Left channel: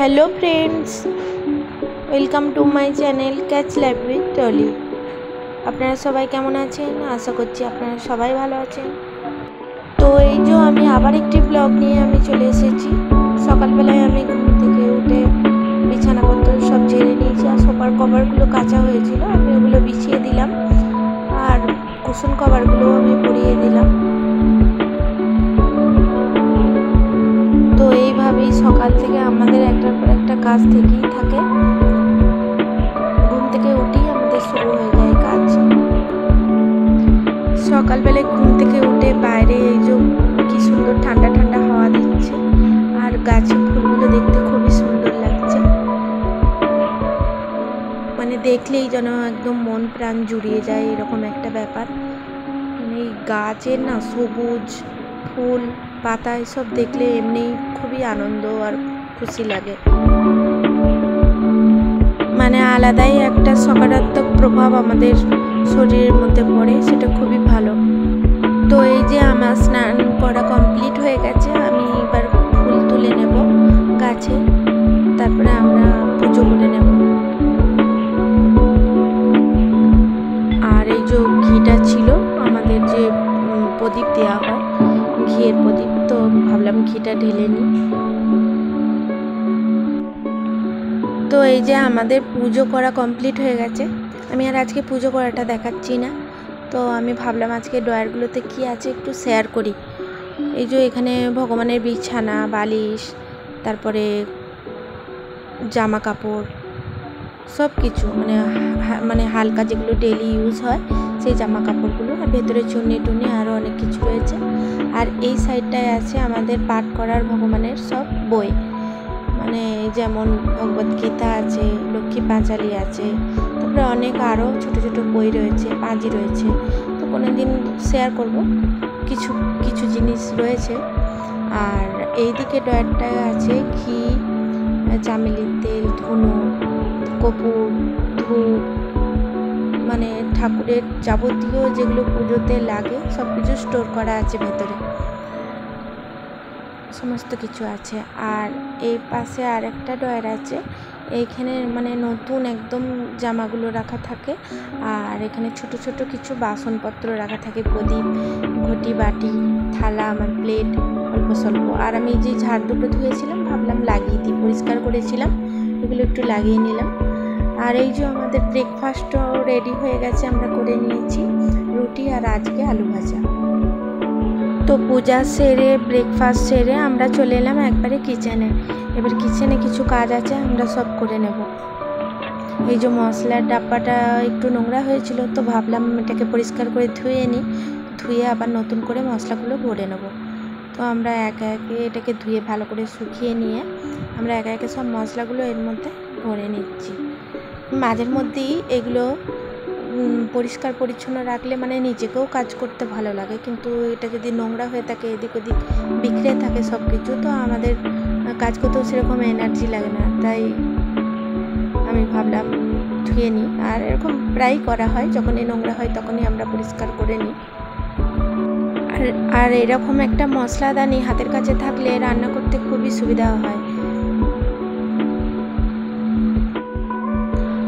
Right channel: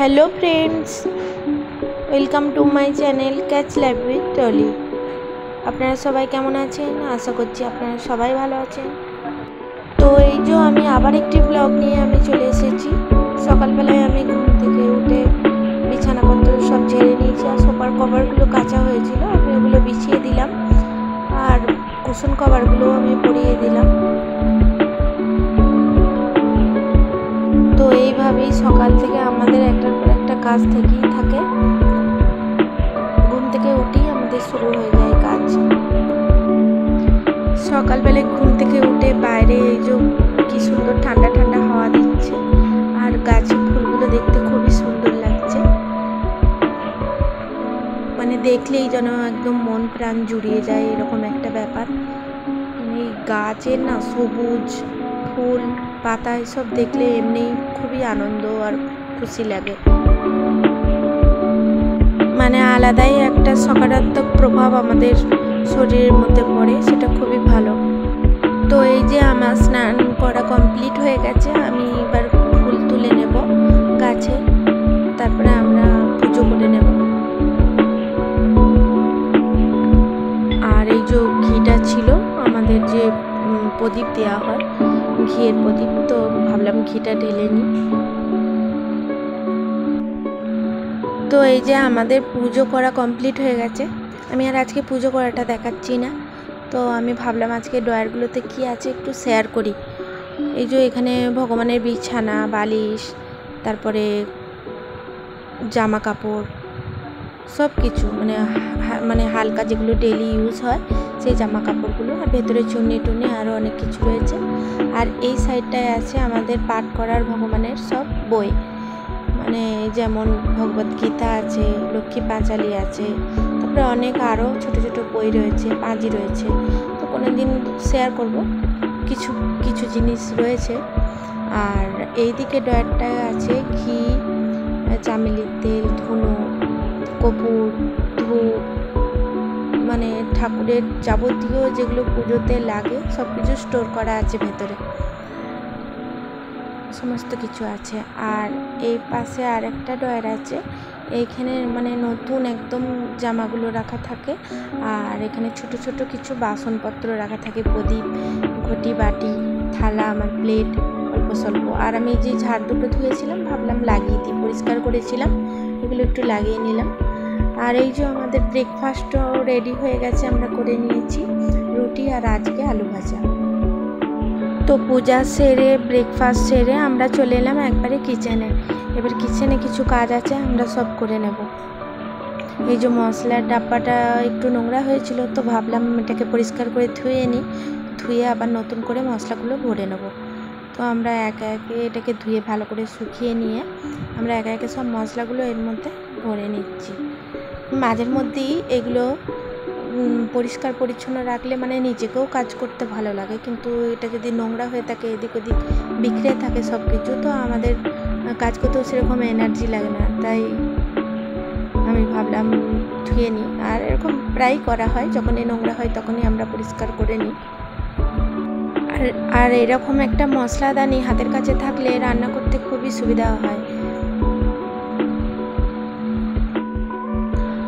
Hello friends, welcome to my channel catch life with Tolly. আপনারা সবাই কেমন আছেন? আশা করছি আপনারা সবাই ভালো আছেন। তো এই যে আমি আবার একটি ব্লগ নিয়ে আমি চলে এসেছি। সকালবেলায় আমি ঘুম থেকে উঠে বিছানাপত্র সব ঝেড়ে নিয়েছি, আর সোফার কভারগুলো কাঁচা হয়েছিল, আমি ওগুলো বিছিয়ে দিলাম, আর কুশন কভারগুলো আমি পরিয়ে দিলাম। তো এইভাবেই সকাল থেকে আমাদের একটার পর একটা কাজ থেকেই থাকে। ঘুম থেকে উঠেই আমাদের শুরু হয়ে যায় কাজ। সকালবেলায় ঘুম থেকে উঠে বাইরে এই যে কি সুন্দর ঠান্ডা ঠান্ডা হাওয়া দিচ্ছে, আর গাছের ফুলগুলো দেখতে খুবই সুন্দর লাগছে। মানে দেখলেই যেন একদম মন প্রাণ জুড়িয়ে যায়, এরকম একটা ব্যাপার। মানে এই গাছের না সবুজ ফুল পাতা এসব দেখলে এমনি খুবই আনন্দ আর খুশি লাগে। মানে আলাদাই একটা সকারাত্মক প্রভাব আমাদের শরীরের মধ্যে পড়ে, সেটা খুবই ভালো। তো এই যে আমার স্নান করা কমপ্লিট হয়ে গেছে, আমি এবার ফুল তুলে নেব গাছে, তারপরে আমরা পুজো করে নেব। আর এই যে ঘিটা ছিল আমাদের, যে প্রদীপ দেওয়া হয় ঘিয়ের প্রদীপ, তো ভাবলাম ঘিটা ঢেলে নিই। তো এই যে আমাদের পুজো করা কমপ্লিট হয়ে গেছে। আমি আর আজকে পুজো করাটা দেখাচ্ছি না, তো আমি ভাবলাম আজকে ড্রয়ারগুলোতে কি আছে একটু শেয়ার করি। এই যে এখানে ভগবানের বিছানা, বালিশ, তারপরে জামা কাপড়, সব কিছু মানে হালকা যেগুলো ডেলি ইউজ হয় সেই জামা কাপড়গুলো, আর ভেতরে চুন্নি টুন্নি আরও অনেক কিছু রয়েছে। আর এই সাইডটায় আছে আমাদের পাঠ করার ভগবানের সব বই, মানে যেমন ভগবদ্গীতা আছে, লক্ষ্মী পাঁচালী আছে, তারপরে অনেক আরও ছোটো ছোটো বই রয়েছে, পাঁজি রয়েছে। তো কোনো দিন শেয়ার করব, কিছু কিছু জিনিস রয়েছে। আর এই দিকে ড্রয়ারটায় আছে ঘি, চামেলির তেল, ধুনো, কর্পূর, ধূপ, মানে ঠাকুরের যাবতীয় যেগুলো পুজোতে লাগে সব কিছু স্টোর করা আছে ভেতরে, সমস্ত কিছু আছে। আর এই পাশে আর একটা ড্রয়ার আছে, এইখানে মানে নতুন একদম জামাগুলো রাখা থাকে, আর এখানে ছোট ছোট কিছু বাসনপত্র রাখা থাকে, প্রদীপ, ঘটি, বাটি, থালা, আমার প্লেট অল্প স্বল্প। আর আমি যে ঝাড় দুটো ধুয়েছিলাম ভাবলাম লাগিয়ে দিই, পরিষ্কার করেছিলাম, এগুলো একটু লাগিয়ে নিলাম। আর এই যে আমাদের ব্রেকফাস্টও রেডি হয়ে গেছে, আমরা করে নিয়েছি রুটি আর আজকে আলু ভাজা। তো পূজা সেরে ব্রেকফাস্ট সেরে আমরা চলে এলাম একবারে কিচেনে। এবার কিচেনে কিছু কাজ আছে, আমরা সব করে নেব। এই যে মশলার ডাব্বাটা একটু নোংরা হয়েছিল, তো ভাবলাম এটাকে পরিষ্কার করে ধুয়ে নিই, ধুয়ে আবার নতুন করে মশলাগুলো ভরে নেব। তো আমরা একে একে এটাকে ধুয়ে ভালো করে শুকিয়ে নিয়ে আমরা একে একে সব মশলাগুলো এর মধ্যে ভরে নিচ্ছি। মাঝের মধ্যেই এগুলো পরিষ্কার পরিচ্ছন্ন রাখলে মানে নিজেকেও কাজ করতে ভালো লাগে, কিন্তু এটা যদি নোংরা হয়ে থাকে, এদিক ওদিক বিখরে থাকে সব কিছু, তো আমাদের কাজ করতেও সেরকম এনার্জি লাগে না। তাই আমি ভাবলাম ধুয়ে নিই, আর এরকম প্রায়ই করা হয়, যখনই নোংরা হয় তখনই আমরা পরিষ্কার করে নিই। আর এরকম একটা মশলাদানি হাতের কাছে থাকলে রান্না করতে খুবই সুবিধা হয়।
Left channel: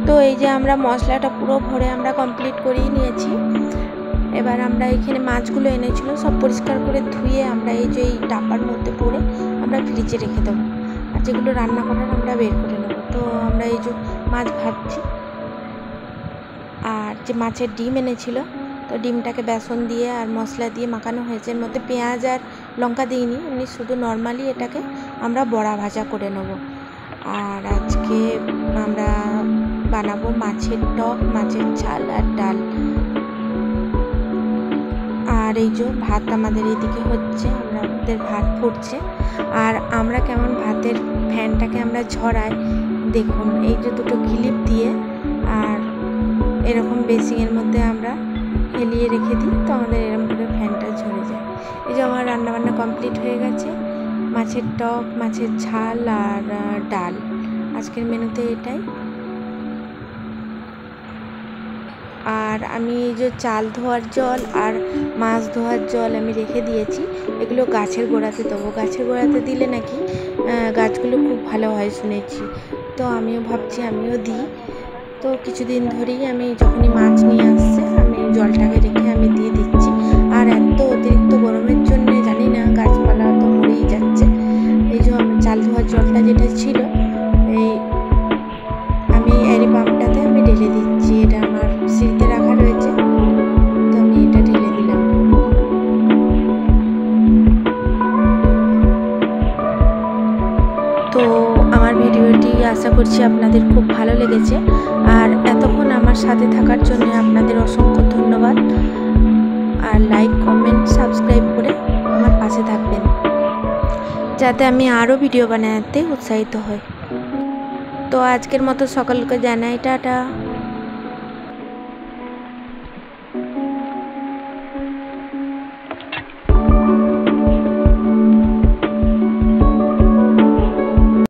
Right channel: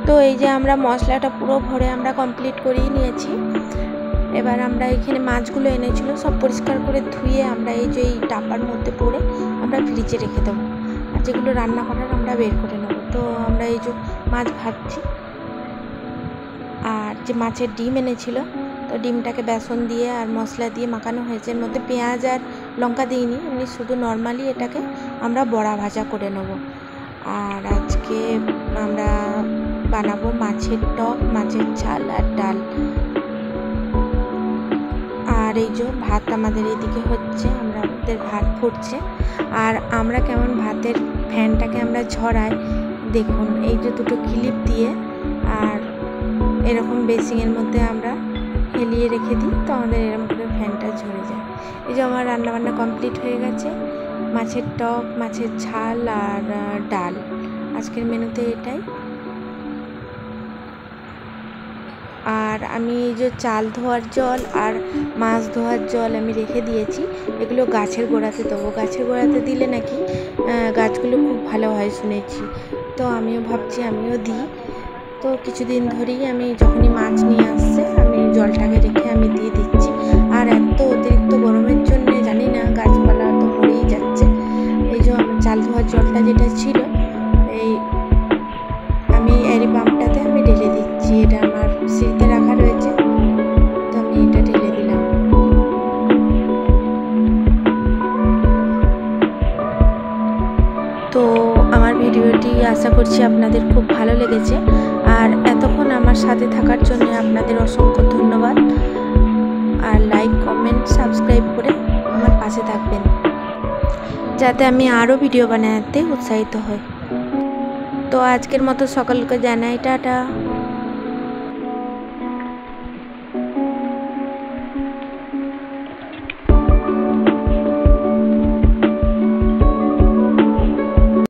তো এই যে আমরা মশলাটা পুরো ভরে আমরা কমপ্লিট করেই নিয়েছি। এবার আমরা এখানে মাছগুলো এনেছিল সব পরিষ্কার করে ধুয়ে আমরা এই যে এই ডাব্বার মধ্যে ভরে আমরা ফ্রিজে রেখে দেবো, আর যেগুলো রান্না করার আমরা বের করে নেব। তো আমরা এই যে মাছ ভাজছি, আর যে মাছের ডিম এনেছিল, তো ডিমটাকে বেসন দিয়ে আর মশলা দিয়ে মাখানো হয়েছে, এর মধ্যে পেঁয়াজ আর লঙ্কা দিইনি, এমনি শুধু নর্মালি এটাকে আমরা বড়া ভাজা করে নেব। আর আজকে আমরা বানাবো মাছের টক, মাছের ঝাল আর ডাল। আর এই যে ভাত আমাদের এইদিকে হচ্ছে, আমাদের ভাত ফুটছে। আর আমরা কেমন ভাতের ফ্যানটাকে আমরা ঝরাই দেখুন, এই যে দুটো ক্লিপ দিয়ে আর এরকম বেসিংয়ের মধ্যে আমরা হেলিয়ে রেখে দিই, তো আমাদের এরকম করে ফ্যানটা ঝরে যায়। এই যে আমার রান্নাবান্না কমপ্লিট হয়ে গেছে, মাছের টক, মাছের ঝাল আর ডাল, আজকের মেনুতে এটাই। আর আমি এই যে চাল ধোয়ার জল আর মাছ ধোয়ার জল আমি রেখে দিয়েছি, এগুলো গাছের গোড়াতে দেবো। গাছের গোড়াতে দিলে নাকি গাছগুলো খুব ভালো হয় শুনেছি, তো আমিও ভাবছি আমিও দিই। তো কিছুদিন ধরেই আমি যখনই মাছ নিয়ে আসছে আমি জলটাকে রেখে আমি দিয়ে দিচ্ছি। আর এত অতিরিক্ত গরমের জন্য জানি না গাছপালা তো মরেই যাচ্ছে। এই যে আমার চাল ধোয়ার জলটা যেটা ছিল এই আমি এরি পাম্পটাতে আমি ঢেলে দিচ্ছি। এটা আমার সিঁড়িতে রাখা রয়েছে, তো আমি এটা ঢেলে দিলাম। তো আমার ভিডিওটি আশা করছি আপনাদের খুব ভালো লেগেছে, আর এতক্ষণ আমার সাথে থাকার জন্য আপনাদের অসংখ্য ধন্যবাদ। আর লাইক, কমেন্ট, সাবস্ক্রাইব করে আমার পাশে থাকবেন, যাতে আমি আরও ভিডিও বানাতে উৎসাহিত হই। তো আজকের মতো সকলকে জানাই টাটা।